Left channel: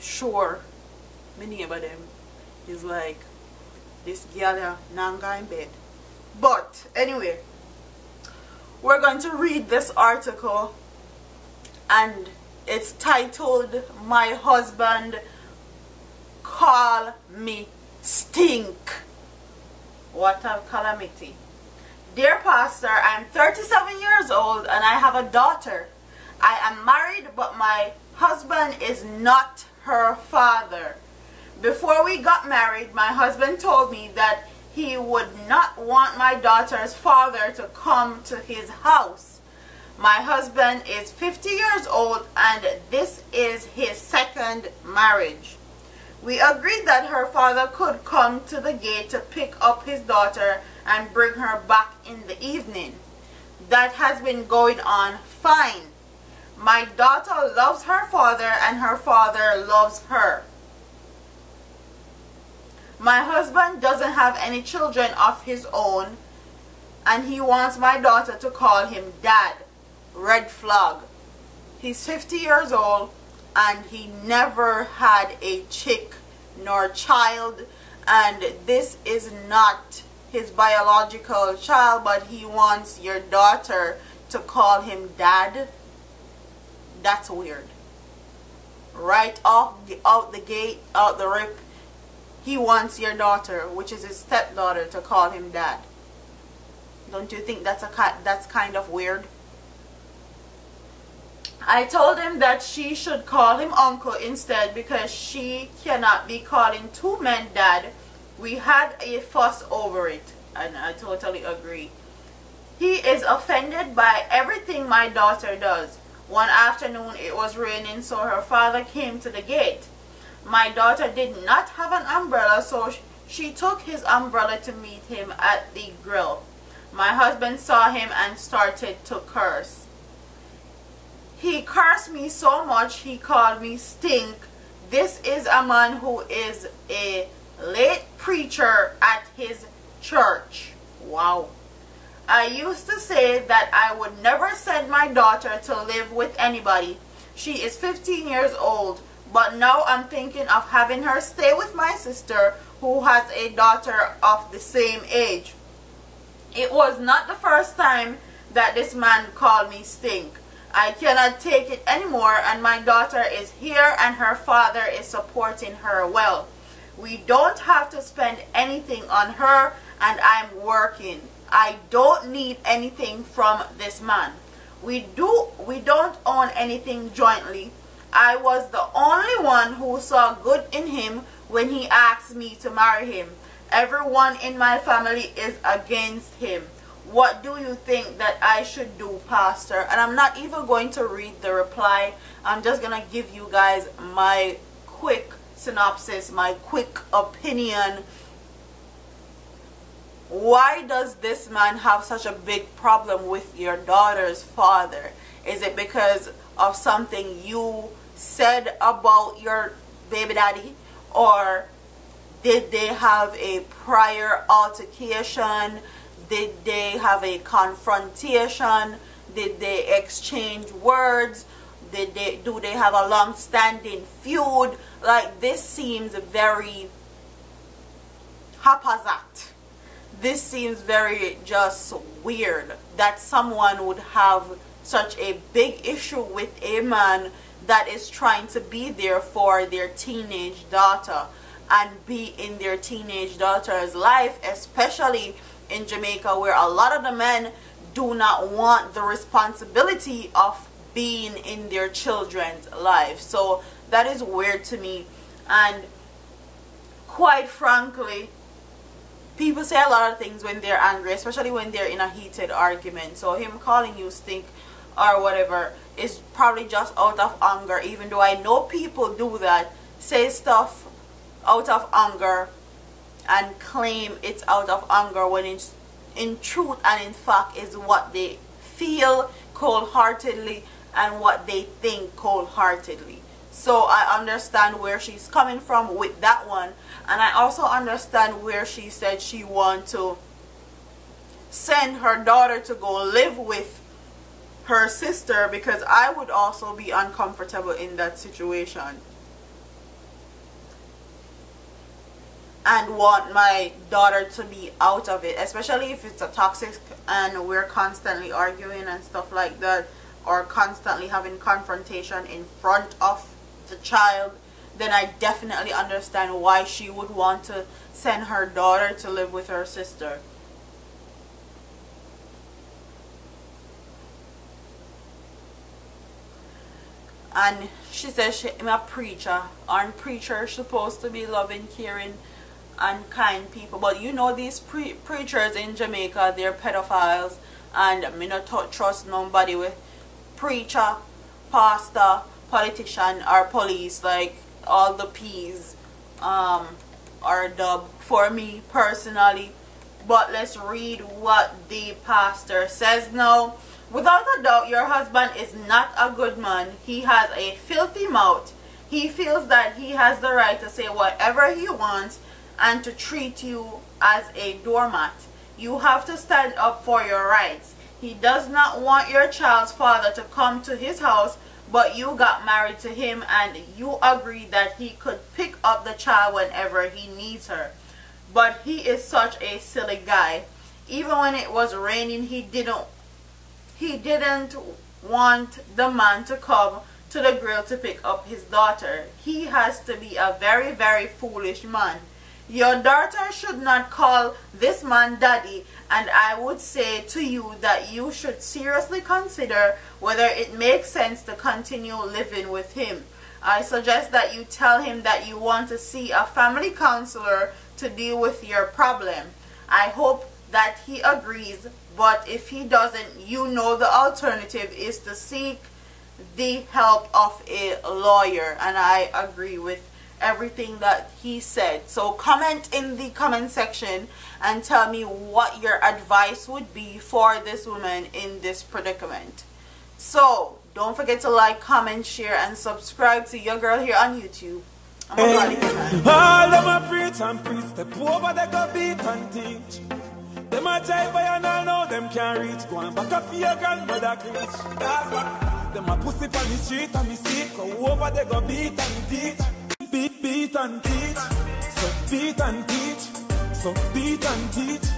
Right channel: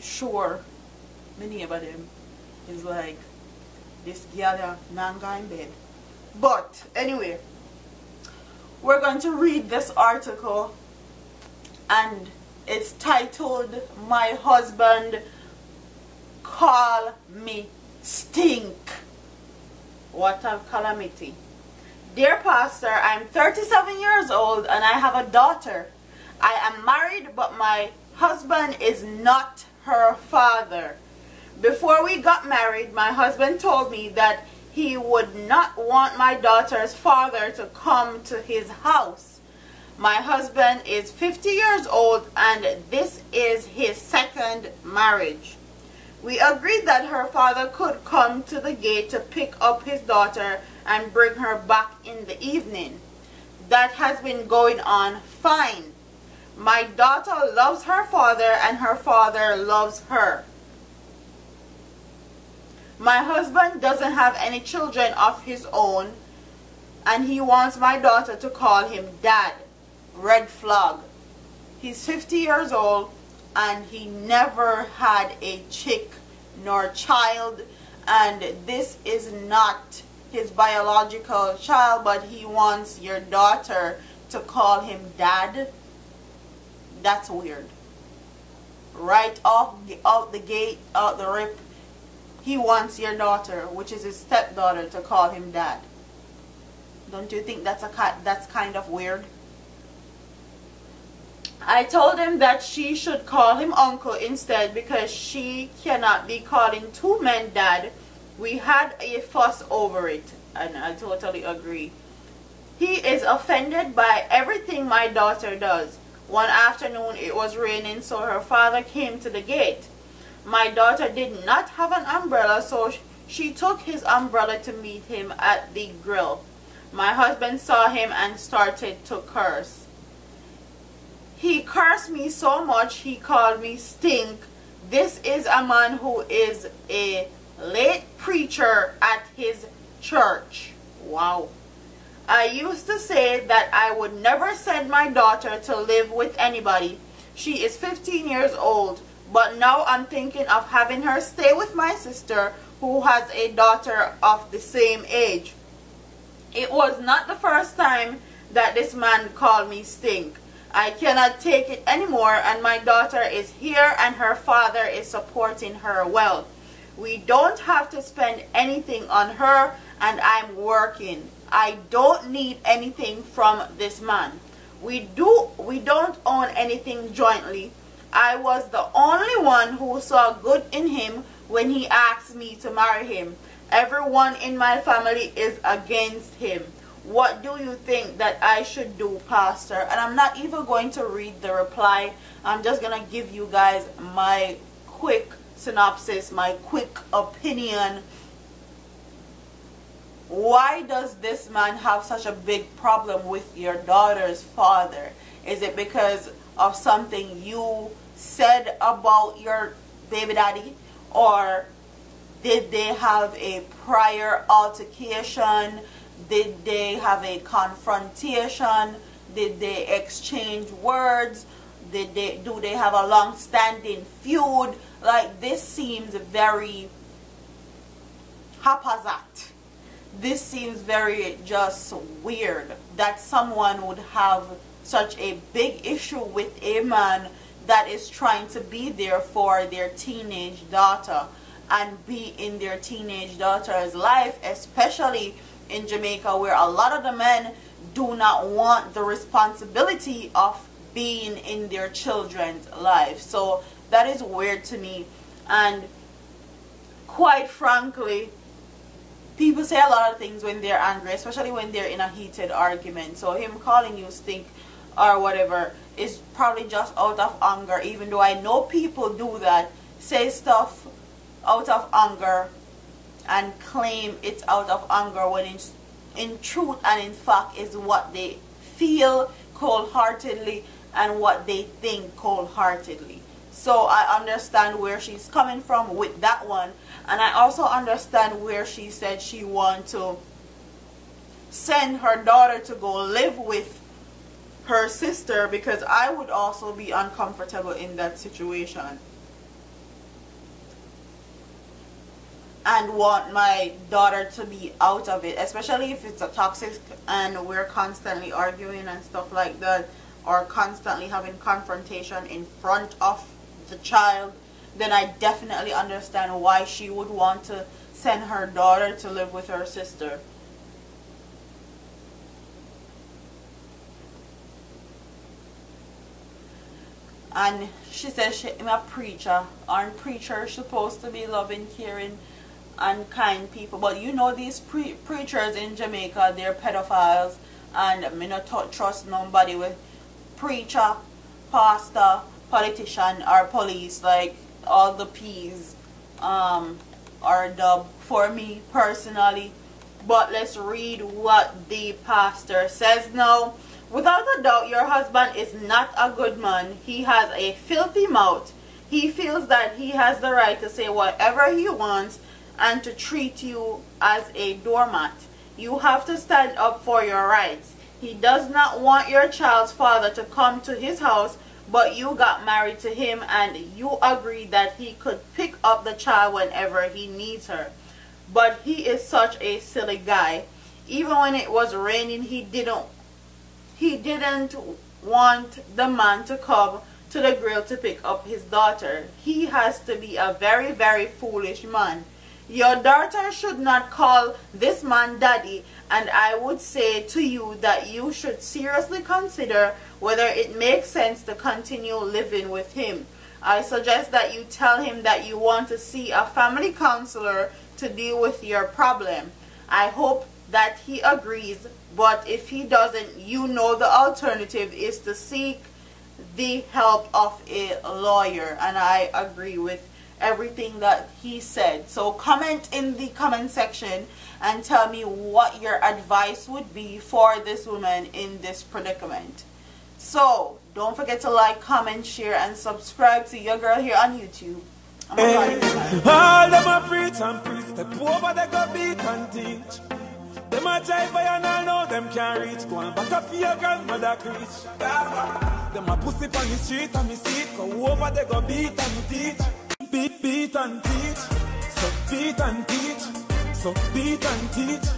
sure my neighbor them is like, this girl nanga in bed. But anyway, we're going to read this article, and it's titled, "My Husband Call Me Stink." What a calamity. Dear Pastor, I'm 37 years old and I have a daughter. I am married, but my husband is not her father. Before we got married, my husband told me that he would not want my daughter's father to come to his house. My husband is 50 years old and this is his second marriage. We agreed that her father could come to the gate to pick up his daughter and bring her back in the evening. That has been going on fine. My daughter loves her father and her father loves her. My husband doesn't have any children of his own and he wants my daughter to call him dad. Red flag. He's 50 years old and he never had a chick nor child, and this is not his biological child, but he wants your daughter to call him dad. That's weird. Right out the gate, out the rip, he wants your daughter, which is his stepdaughter, to call him dad. Don't you think that's kind of weird? I told him that she should call him uncle instead because she cannot be calling two men dad. We had a fuss over it, and I totally agree. He is offended by everything my daughter does. One afternoon it was raining, so her father came to the gate. My daughter did not have an umbrella, so she took his umbrella to meet him at the grill. My husband saw him and started to curse. He cursed me so much he called me stink. This is a man who is a late preacher at his church. Wow. I used to say that I would never send my daughter to live with anybody. She is 15 years old, but now I'm thinking of having her stay with my sister who has a daughter of the same age. It was not the first time that this man called me stink. I cannot take it anymore, and my daughter is here and her father is supporting her well. We don't have to spend anything on her and I'm working. I don't need anything from this man. We don't own anything jointly. I was the only one who saw good in him when he asked me to marry him. Everyone in my family is against him. What do you think that I should do, Pastor? And I'm not even going to read the reply. I'm just going to give you guys my quick synopsis, my quick opinion. Why does this man have such a big problem with your daughter's father? Is it because of something you said about your baby daddy? Or did they have a prior altercation? Did they have a confrontation? Did they exchange words? Do they have a long-standing feud? Like, this seems very haphazard. This seems very just weird that someone would have such a big issue with a man that is trying to be there for their teenage daughter and be in their teenage daughter's life, especially in Jamaica, where a lot of the men do not want the responsibility of being in their children's life. So that is weird to me. And quite frankly, people say a lot of things when they're angry, especially when they're in a heated argument. So him calling you stink or whatever is probably just out of anger, even though I know people do that, say stuff out of anger and claim it's out of anger when it's in truth and in fact is what they feel cold-heartedly and what they think cold-heartedly. So I understand where she's coming from with that one, and I also understand where she said she wants to send her daughter to go live with her sister, because I would also be uncomfortable in that situation. and want my daughter to be out of it, especially if it's a toxic and we're constantly arguing and stuff like that, or constantly having confrontation in front of the child. Then I definitely understand why she would want to send her daughter to live with her sister. And she says I'm a preacher. Aren't preachers supposed to be loving, caring, and kind people? But you know, these preachers in Jamaica, they're pedophiles, and me not trust nobody with preacher, pastor, politician, or police. Like all the P's are dubbed for me personally. But let's read what the pastor says now. Without a doubt, your husband is not a good man. He has a filthy mouth. He feels that he has the right to say whatever he wants and to treat you as a doormat. You have to stand up for your rights. He does not want your child's father to come to his house, but you got married to him and you agreed that he could pick up the child whenever he needs her. But he is such a silly guy. Even when it was raining, he didn't want the man to come to the grill to pick up his daughter. He has to be a very, very foolish man. Your daughter should not call this man daddy, and I would say to you that you should seriously consider whether it makes sense to continue living with him. I suggest that you tell him that you want to see a family counselor to deal with your problem. I hope that he agrees, but if he doesn't, you know the alternative is to seek the help of a lawyer. And I agree with everything that he said. So comment in the comment section and tell me what your advice would be for this woman in this predicament. So don't forget to like, comment, share, and subscribe to your girl here on YouTube. I'm all them a preach and preach, step over they go beat and teach. Them a jive and I know them can't reach. Go and back up for your grandmother preach. Them a pussy on the street and me see it. Go over they go beat and teach. Beat and teach. So beat and teach. So beat and teach.